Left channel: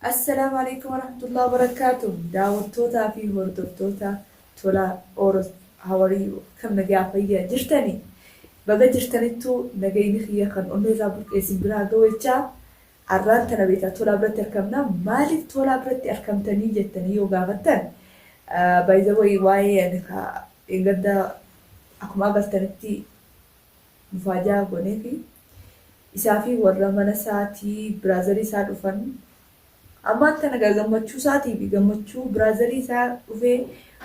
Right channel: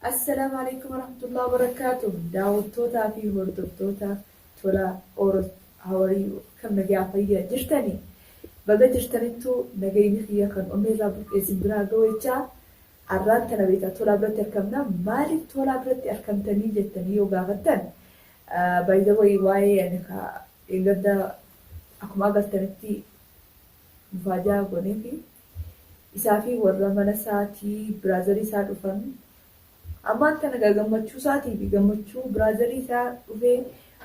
السلام عليكم ورحمة الله وبركاته. دعوتوتا في هردوتوتا تولا أورس هوري كم نجا فيا جرتني بقى جرتني تو نجيني خيا خن أمي زابط اسم برا جويتشا عران تنبيتا تولا برت أركمنا مالك تولا برت أركمتني جتني يوجا غتن باي ذا واي يعني إنجدا أكما قلتنتي مفاجأة غنيكي إسافي ورا منساتي برازري ساد وفن ammaan tana gammachuu isaatii fi gammachuu biraazarii isaa dhufee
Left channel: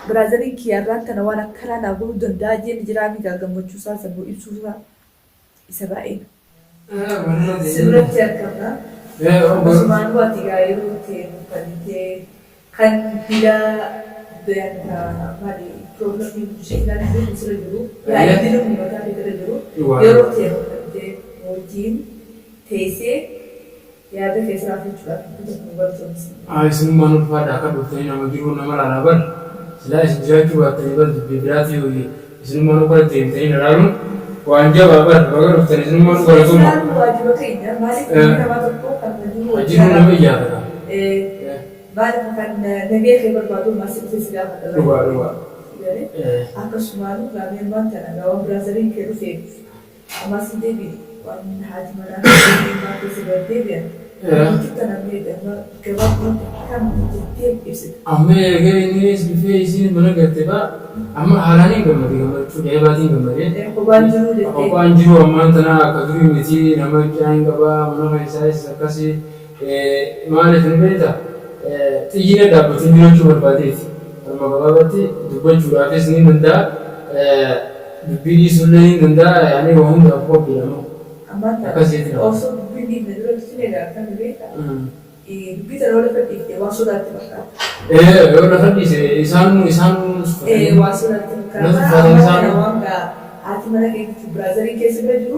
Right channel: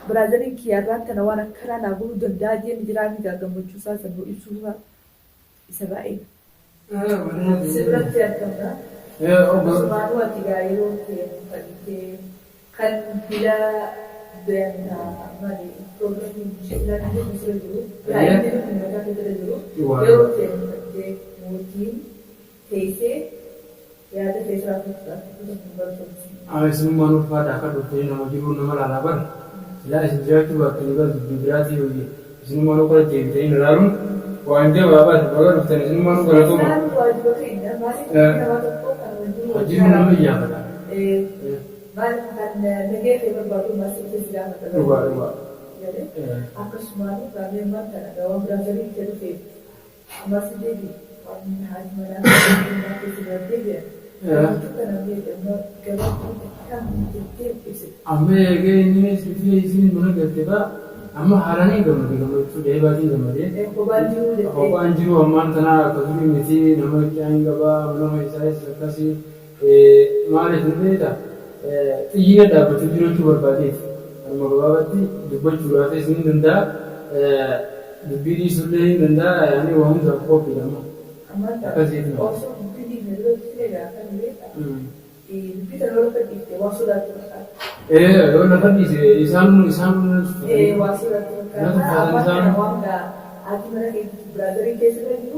biraazariin kiyyaarraan tana waan akkanaa naa godhuu danda'a jeen jiraa fi gammachuu isaa sana ibsuu isa baay'ee. Sirratti argamna. Akkasumaan waati yeroo ta'e uffatee kan bila maali piroograamii sheekilaan illee misira jiru yaa'ii illee mataa keessa jiru yeroo ta'e uffatee wajjin teessee. yaada keessaa fichuudhaaf tokko barbaachisa. Isinummaan ulfaadha akka dhuftanii nama jiruu nama laalaa bar silaa isin jiraachuu baattanii bar dubbii biraatii hojii isinummaan uffata deemtanii ilaaluun waan jabaa bar baga dhuftanii isinummaan uffata waajiba keenya maaliif nama tokko kan jiruu nama iyyaatata. Maaliif kan nagee kee barbaadu maasii si gaafata. Dhugaa. Akkasumaan gaameen wanta nagaa biraazariin kee dhufeef maasii deebii waan haati manaa maatii si deebi'an. Amma egaa innis bifee isiin mana galtee ba'a amma haalaan gammachuu dheebaatiin gammadee kophaan jiru ammaan tanaa akka durii miti nama qiyaan qabaa mana isaas akkasii maaliif hin beektaa xiyyiina dhaabbatuu jiraachuu barbaadeeti harma gabaabatti dubbachuudhaafis ni danda'a dubbii dhiisuullee ni danda'a yaani waa hundaaf qophiidhama akkasiiti nama. Bisa lalu ketik wasud arti mereka. Lalu ketik isan wasud arti mereka. Wangga arti mereka itu Brazil kesi baju.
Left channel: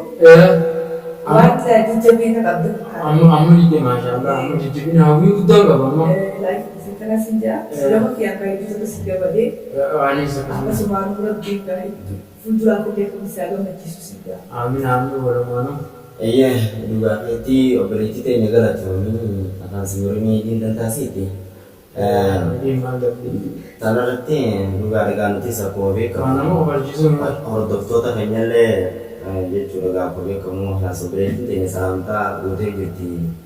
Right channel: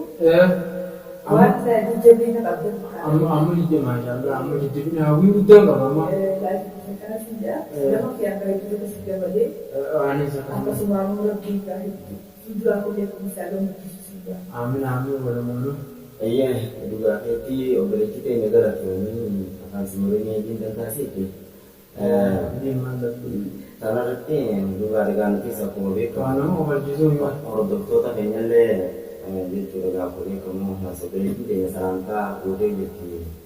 Wangga dijebin nak abdul. Amma dijebin masya Allah. Amma dijebin hawi udah nggak mama. Like sekarang senja. Sudah mau kian kayak itu terus tiga bade. Anis. Apa semua murah tinggal itu. Fujur aku dia misalnya macam itu. Amin walau Iya, juga itu operasi itu negara tuh ini akan semuanya ini dan tasiti. Tanah itu juga ada ganti sakobe kamu. Orang dokter tak hanya le, dia juga kakobe kamu harus operasi itu ini salamta udah gitu.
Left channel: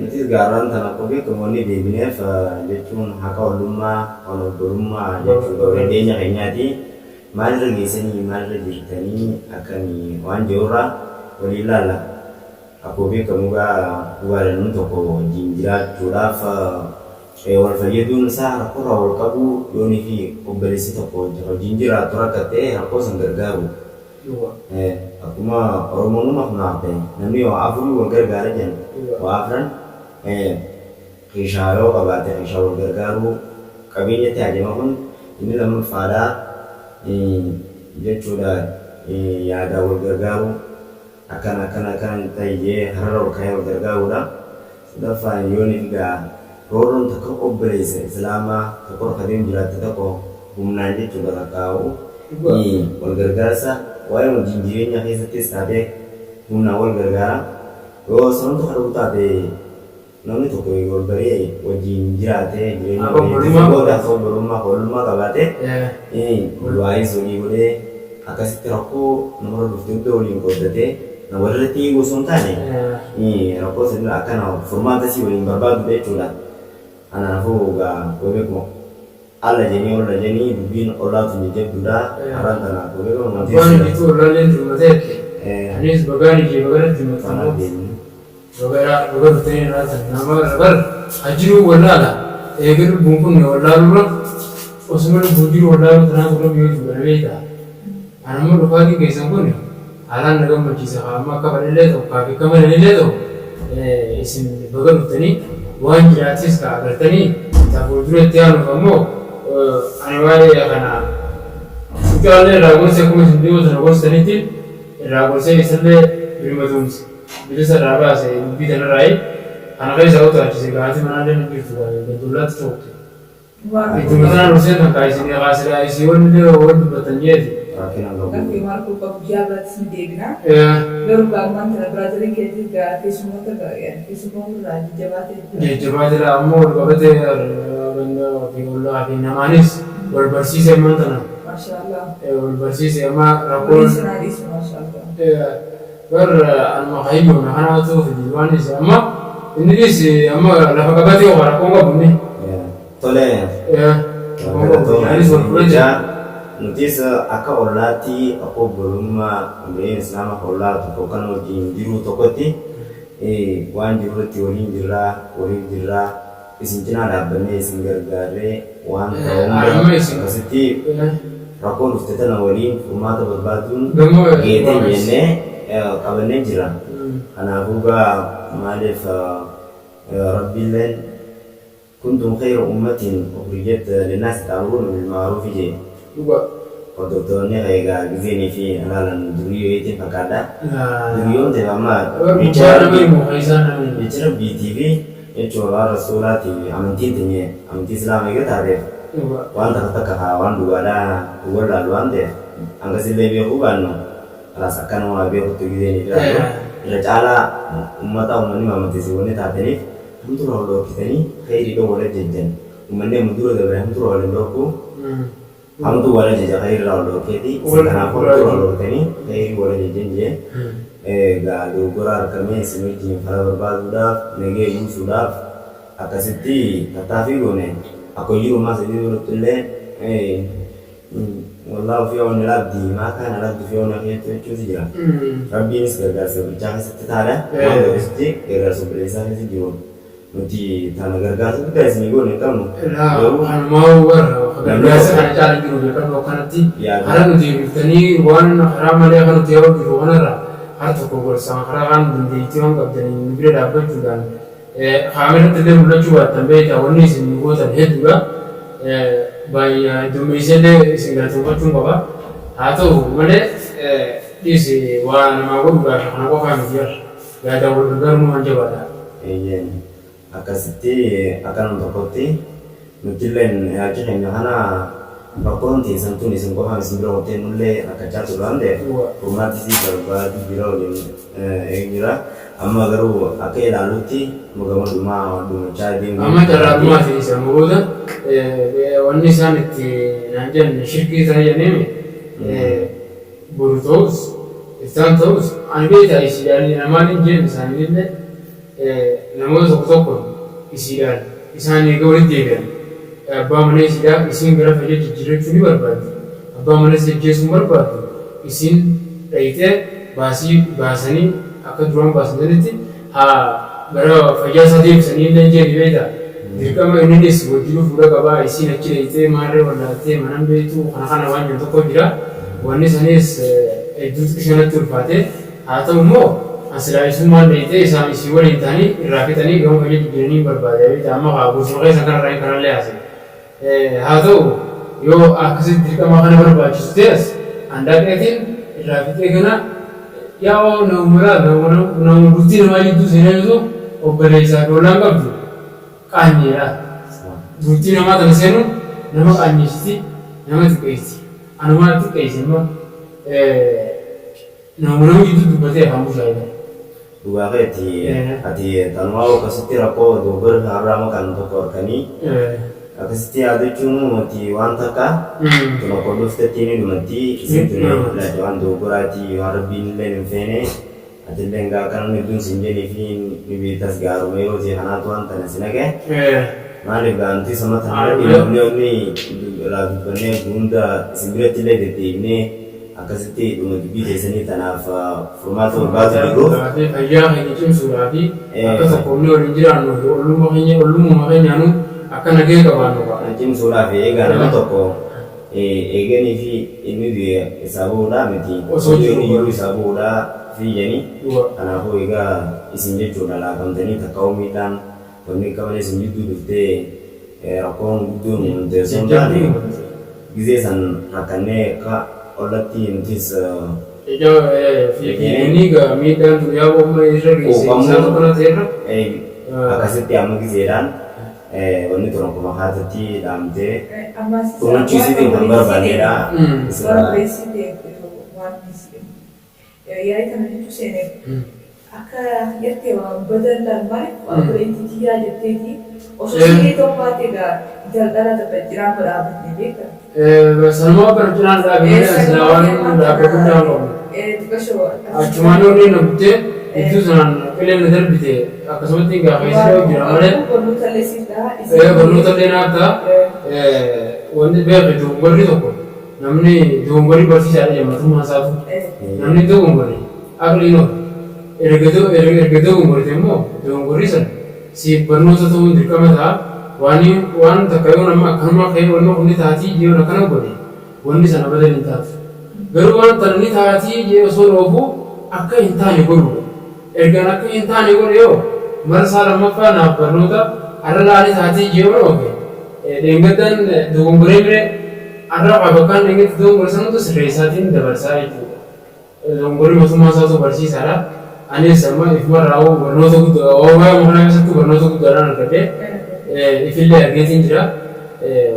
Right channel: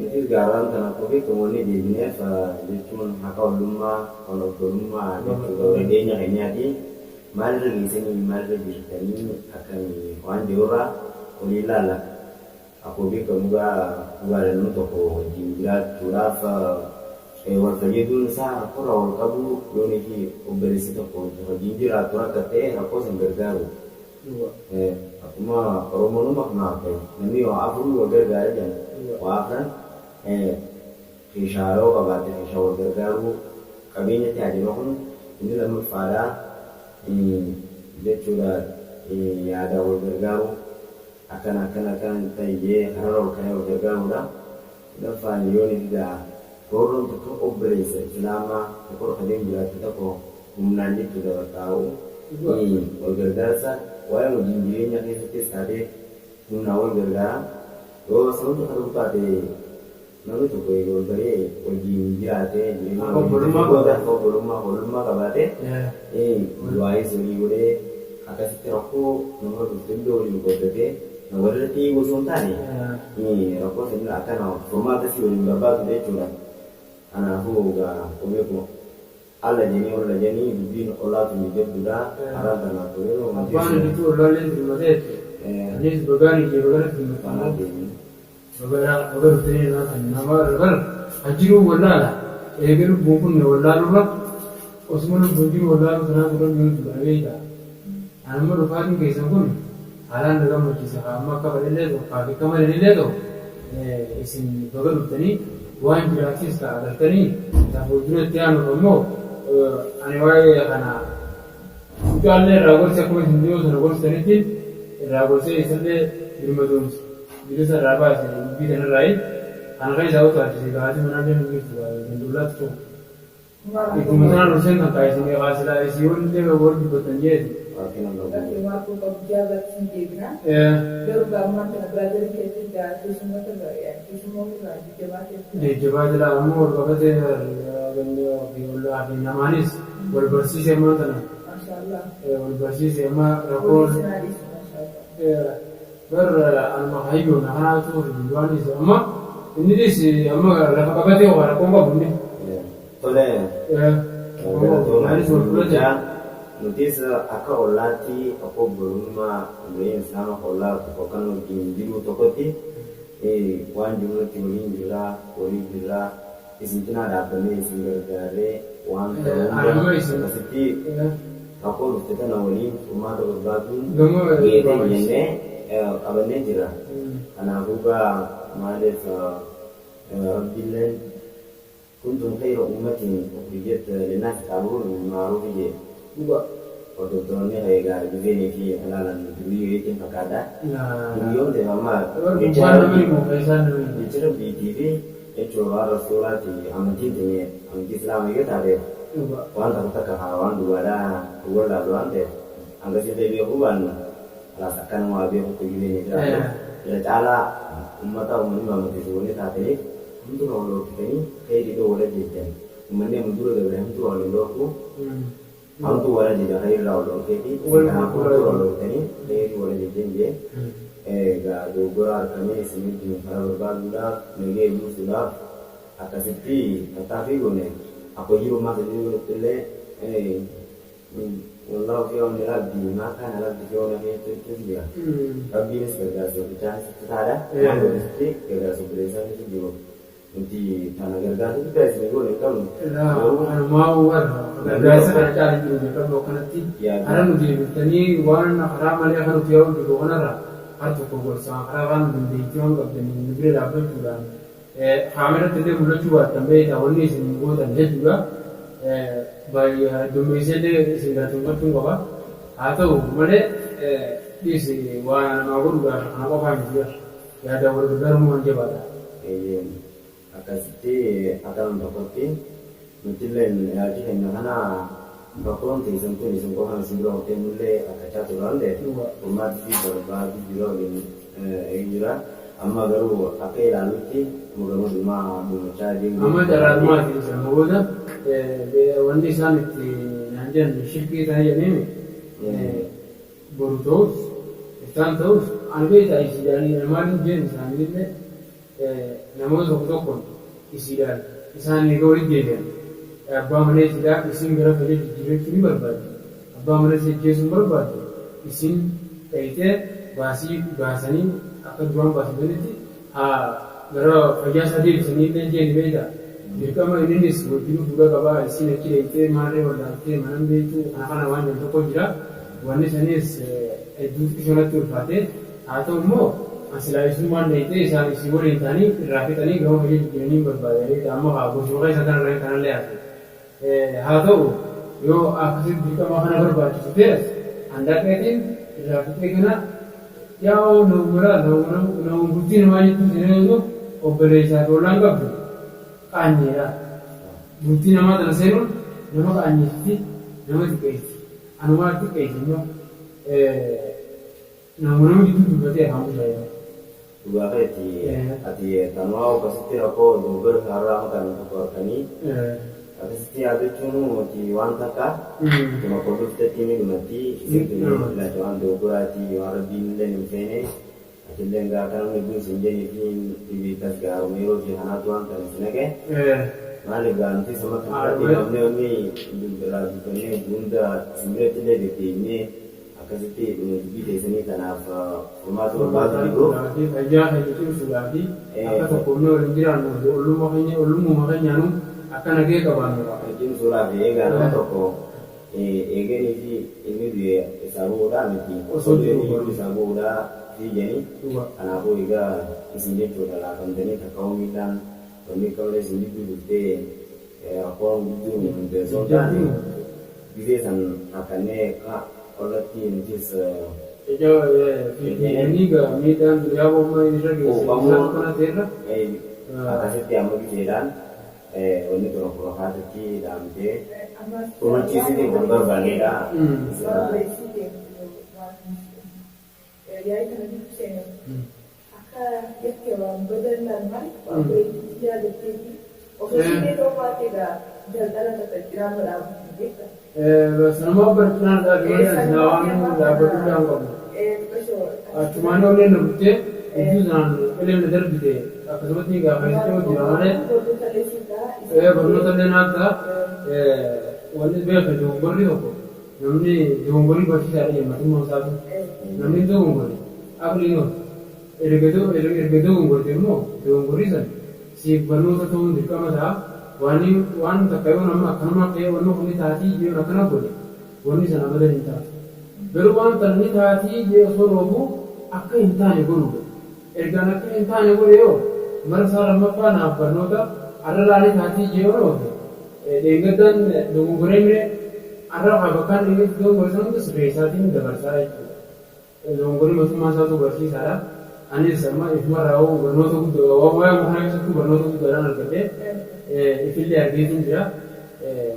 Nanti sekarang tanah kakobe kamu ini di BNF dia cuma hakau rumah, kalau rumah dia juga redenya hanya di mana lagi sini mana lagi tani akan wanjora. Walilala aku bi kamu ga waran toko jinjira turafa wal fayidun sa ko rawal kabu yoni fi oberisi toko jinjira turakate ako sangargaru aku ma oromonu ma nape nami wa afru wa gargara jan wa afran kisharo kabate kisharo gargaru kabinya te aje mahun ini lam fada je chuda ya da gargaru akan taye hararo kaya gargaru da dafa yoni ga roron ta ko obrese selama ta ko kadim jira ta ko humnanje to daga kawo ni wal gargarsa wayo jinjire nya hisa tes ade humna wal gargara o son to hadu ta de nami to ko gol bare o jinjira te jire ni ko da ko buruma ka bate wai so ni gole akasi terako nomor 22 oli ko de na warati usuntane rako sendiri akan formasi wali berbagi betulan anak ga kowe ko alla jeni dubin Allah tunjeb duda aran tanah kowe ko nanti itu lalen rumate anis bagani rumate bagara tene ratan nama rabar ajiru wallala eger bunkun wallalu osmul bujiru wallalu tanah ko mi dubareta anamu rufani kaisan kun halan daga macisa amma kabalille to kafi kamalille to isin bagar tani wan gratis ka agartani ta fuldure tiano kamo anwale ya kana utale ragol se kuma sindio to ragol saniti ragol se isle birmadums bilisa raba se bidana rai ana kai sauta ci gati manale ngirtu ga dulat to itu mana rusen kan kai sini gasira isi won de won batanyedi rakkina qabu. Gaaffii Markoo qabu jaabaatti ni deebina. Garuu gaamaan tana biraaziliin keetii keessumoota irraa jajjabaatee. Jajjabaatee ammoo wal qabatee ollaa fi namaanis wal barsiisee ammaa tana. Maashaallah. Wal barsiisee amma rakkoon. Sinaanis maashaallah. Warra anuma hayyoon kanaatu waanis amma innis amma lafa qabatee rakkoon qabu inni. Tole. Nutis akka ollaatti akka obbolummaa umriin islaama ollaa tokko kan wajjin jiru tokkotti waan jirutti waliin jirraa isin cinaa dhaabbannee isin gargaarree waan ta'uun akkasitti rakkoon dhufte tana waliin furmaata barbaaduun geetee jennee qabannee jira. Kanaafuu maaliif rabbiilleen kuntum khayra ummatin ukhrijat linnaasi ta'muruna bil ma'ruf je. Hordoftoonni egaa gizeenii fi alaalaan duriyootiin fakkaata. Duriyoon ta'e amma jecha rabbiitii fi jechuudha rasuulaati amantii teenye amantii islaamaa egaa taateef waan takka waan dhugaadhaa wallaalu waan ta'eef hangasillee beekuu baannu alaas akka nama beekutti gizeenii fi irra caalaa uummanni amantiisiiwwan taataniif hamtura wal dhoorkitanii khayriidha wal ajjajjan uummanni hamdura dabalee hamtura wal hin dhoorku. Hamtu wala jaja khairra wal dhoorkeeti kanaaf hamtura wal dhoorkanii khayrii wal ajajjan jee dogoggora argamee isin wajjin fala barbaaduudhaaf nagee buusuudhaaf akkasitti tattaaffii goone akka jirumaa sadii duratti illee wallaahu fi ooni labdii maa kana labdii fi ooni akeetu jechuutu jira. Rabbiinis gargaarsa biccaa keessatti taadha waan godhesti gargaarsa bileessaa keessa jiru. Nuti tana gargaarsa guddaa isinii goone hin qabnu. Anumaa warra gargaarsa kana caala jiru beekamu akkanatti hara nuti biftanii waan karaa malee akka nuti yoo jiru kanarra hara tokko gorsaa karaa kaan dandeettii waan qabdanii nu bira dhaabbachuudhaan kaameratti illee mul'achuu baattan beektaa wanni isin gootan hedduudha. Baay'ee dummeessallee isin galateeffachuun qaba. Haa ta'u malee dhiisi waa namaa godhuudhaaf kana qofaa miti yaada wal gargaaruu waan jabaadha. Akkasitti akka nama tokkotti nuti illee yaada keenya kana rakkoon teessan tun isin qofaan isin bira hootee nullee rakkachaa ture waan ta'eef furmaattis barbaadu bira waliin jira. Amma garuu akka ilaallutti mugamadummaa dhumachaa deemu. Amma carraaqummaa fi sammuu booda wanni isaan itti naan jenne shirkii ta'e jennee boru ta'us isaan ta'us ani beektaa isiidhaan namaan hin jenne isaaniillee namoota tokko tokko isiidhaan isaan eega walitti deebi'an abbaa mana isiidhaa isiin gara fayyee jijjiirrachuu ni barbaaddu. Abbaa mana jijjiirrachuu hin barbaaddu isiin dhayitee baasanii akka duraan baasanitti gara fayyaa isaa deebisanii illee jeeni beektaa. Dirqama innis wajjin fuula qabaa isiin achi dhayitee maarree wallaattee manan beektu kana waan jiru tokko jira. Wanni sanis hedduutti isheenatti ulfaate haa ta'u immoo asilaayisummaan dhayitee isaan isii waliin ta'anii irraa fixanii gama fayyee jijjiiranii barbaada beektaa. Amma goosuma keessa kanarraa kanallee haase. Haa ta'u yoo akkasitti dirqama kana barbaachisu ta'es handaaqeetiin irraa fixee kana yaa nama bultii namaa jidduu seenaa yoo ta'u obboleessaa doolaan qabdu qaanyeedha. Bultii namaa tana seenu nama qaanyeessitti nama xiqqeessi. Anumaa xiqqeessi immoo nama jidduu dubbatee afaan bushaayedha. Dhugaa ati tanumaa akkasitti rakkoo dogoggora har'aa maqaan tokko harkanii akkasitti yaadachuun nuti waan takka tuma qordoftetti ni dhumatti isin tuni waan dogoggoraati waan rabbiin illee hin feene ati illee gaa kan hedduun sin jedhii fi bibiitas gaaruma yeroo ta'e kanaatu waan tana sin hage maaliif gaantii sama tanarra dhiibnee irraa dubbannee hunda isin biratti illee deddeebinee akkasitti dhuma dubbii teessanii tanaaf furmaata barbaadu jiruuf. Fayyaa keenya cimsuudhaa fi akka tokkoomnee waliin jiraannu ollummaa keenyaanu akka nagee qabaannu qaba. Cimsuudhaaf eegaa nama tokko eeganii fi inni isaa bu'uudhaa miti osoo jiru isaa bu'uudhaa fiiganii kanaafuu egaa isin jechuudha laakamtanii takka uumiidhaan wanni qabanii isin jidduu dhuftee rakkoon guddoon teessoon taane gizee san rakkannee akka ollatti nutis fiiganii miidhaan guyyaa booma irra geesse isaa tokko ta'erra akkasitti amma gizeedhaan wanni turan kuma haatatti dhaamtee Ammas kunuunchiisiitiin kan barbaadedha. Waan beeksitee waan yaa'ii kana jechuun seenee akka jettee waan badallaan maaliif waan bireetti kiyyaa jetteeti osoo silee tokkooti egaa daldala takka jiraan badhaafamne beeka. Sanumaa bara cinaan dhaabee asirraa waan dhaabbatu hin qabu. Achumaan yoo inni nabuttee iddoo sanaan qilleensaan darbite akkasumatti gaafa isa jira malee. Barnoota illee naafta wanti beeku dogongorri tokko namni dogongorri barsiisaadha jammatummaa isaatu namni dogongorri aqliin of erga dogongorte immoo dogongorri sana si barnoota ta'uun dirqama ta'a waan takka yoo nama akkanuma ka'ee wanni kunni taatii jiru akkana godhe wanni sana badal hin taatu garuu waan tanni taatii jee osoo dhoobu akka hin taane godhudha ergaan akka hin taane godhe yoo marsaa lammaffaa naaf barnoota arra laani taatii jee yoo dhoobe deengaddan dogongoree bire arra bakkaan deengatti dogongore sanutu sirreessaatiin dabarsaa jechuudha. Dogongorri mootummaa isaatu barsiisaadha. Anis amma ifuma raawuu barnoota guddaa waa'ee kana keessatti barnoota guddaadhaan argadhee ifillee argeetiin jira.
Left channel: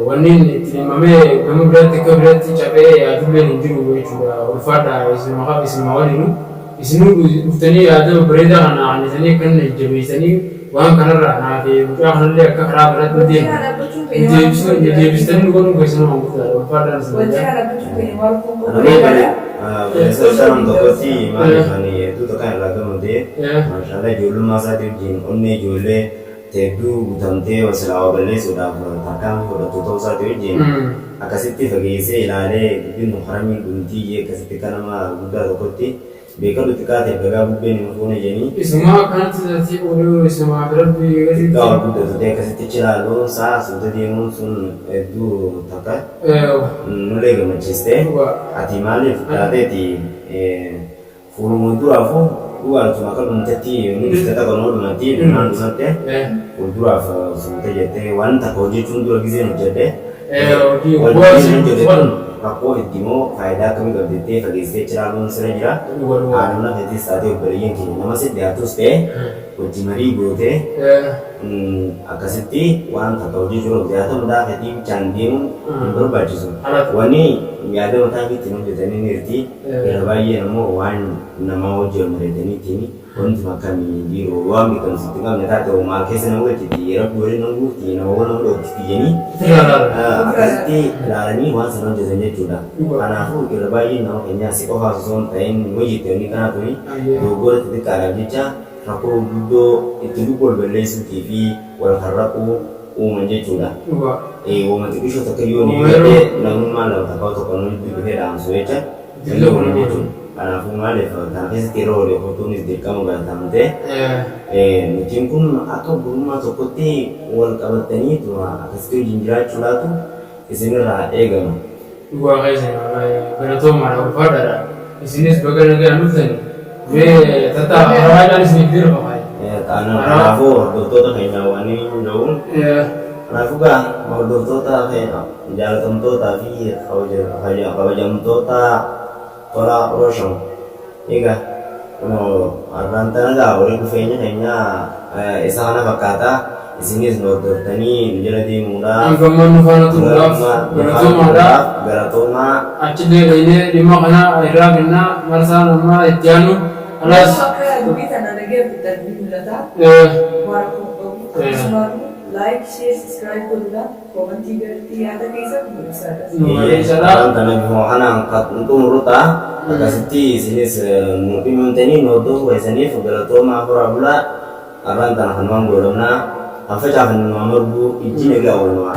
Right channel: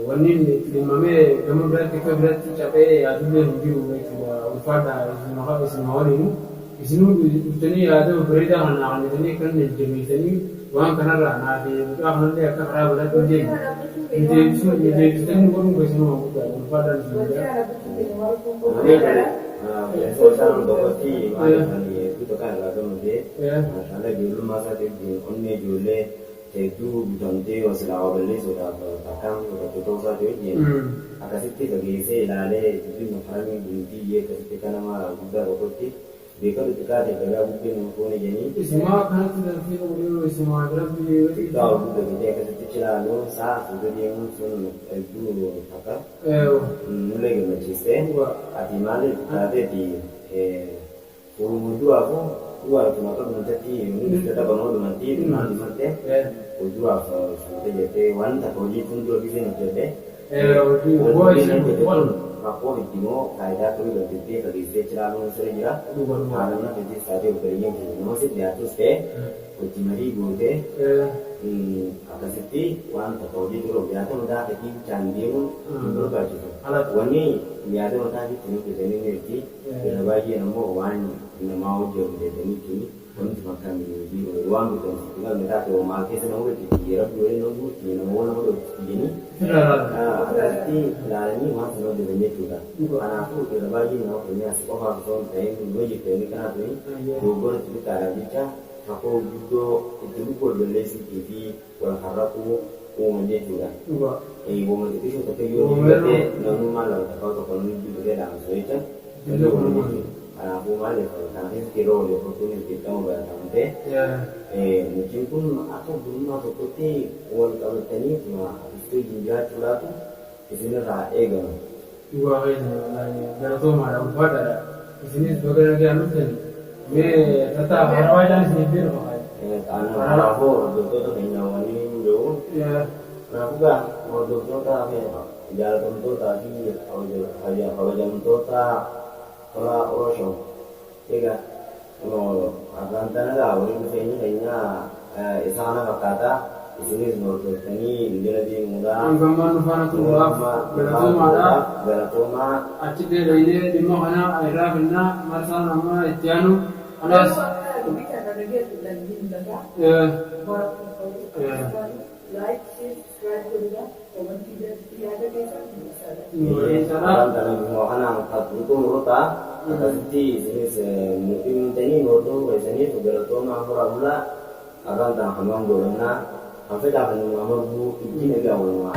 Wanni itti dhimamee gama biraatti akka biraatti cabee yaadullee hin jiru jechuudha. Ulfaadha isinuma waliinu. Isinuu dhuftanii yaada bareedaa kana aannisanii kan jabeessanii waan kanarraa naaf mucaa kanallee akka karaa biraatti deemu deebistanii dhugoon keessanuu hanguuttaadha. Ulfaadhaan isin Sekarang dokoti malah kani itu tekan lagu mudi, masalah jual masa tu jin, onne jualnya tebu damte wasila awalnya sudah takam sudah tutup satu jin, akasiti bagi isi ilale bin muharami bunti ye kasiti kanama buddha dokoti, bekal utika tebaga bubben mukone jeni. Isma kan tadi orang isma berarti kasiti. Kalau buddha tu teh kasiti celalo sah sudah dia monsun itu takar. Nulle gama ciste, ati malif ada di fulu mudu afu, luar cuma kalau menceti, ini kita kalau mau mati dengan santai, mudu afu santai jete, wan tak kau jujur lagi sih menjadi, wan jadi pun aku intimo faedah kami berdete bagi saya ceralun serajah, anu hati saat itu beri yang kini, nama sih dia tuh stay, ujimari bote, akasiti wan tak kau jujur dia tuh muda hati candim berbaju so, wani ada orang kita tino jadi ni ngerti, berbagai nama wan nama ujur mereka ni kini, wan cuma kami biru wan bikin setengah mereka tu market sana boleh jadi, era boleh nunggu ti nama wan nunggu ti jadi, akasiti larani wan sana jadi ni juga, karena aku berbagai nama kenya sih kau harus on time wajib tu ni karena tu ni, dua tu sekarang dia aku dulu itu dulu berlesu TV, wal harapu umumnya juga. Umum itu bisa terkejut ni, tapi namun malam tak kau tak kau ni juga dalam suaca, jadi umumnya tu. Karena aku malam tapi setiro dia foto ni di kamu beritamu teh. Mungkin pun aku belum masuk putih, wal kabar tani tu, aku setuju jinjrat cula tu, isini rah egam. Gua kayak sih, berarti marah pada ada. Isini sebagai negara nusan. Tetap orang sini biru pakai. Tanah aku doktor tak kena wani jauh. Aku kan mau doktor tak kena jalan tentu tapi kalau jam tu tak tolak rosong. Ika, mau rantai ada orang kufenya kayaknya esana bakata isini doktor tani menjadi muda. Anggaman nufana tu berat, beratoma. Acil ini lima kana era kena marasa nama etianu. Alas kita nak lagi kita bimbingan like, share, subscribe dulu, komen ada kisah bisa. Tanah bimuahan angkat untuk muruta, kasih sini mungkin menteni noto, biasanya fugalato mahurabula, aran tanah hanuan golona, apa cakap hanuan merbu, izin lagi awal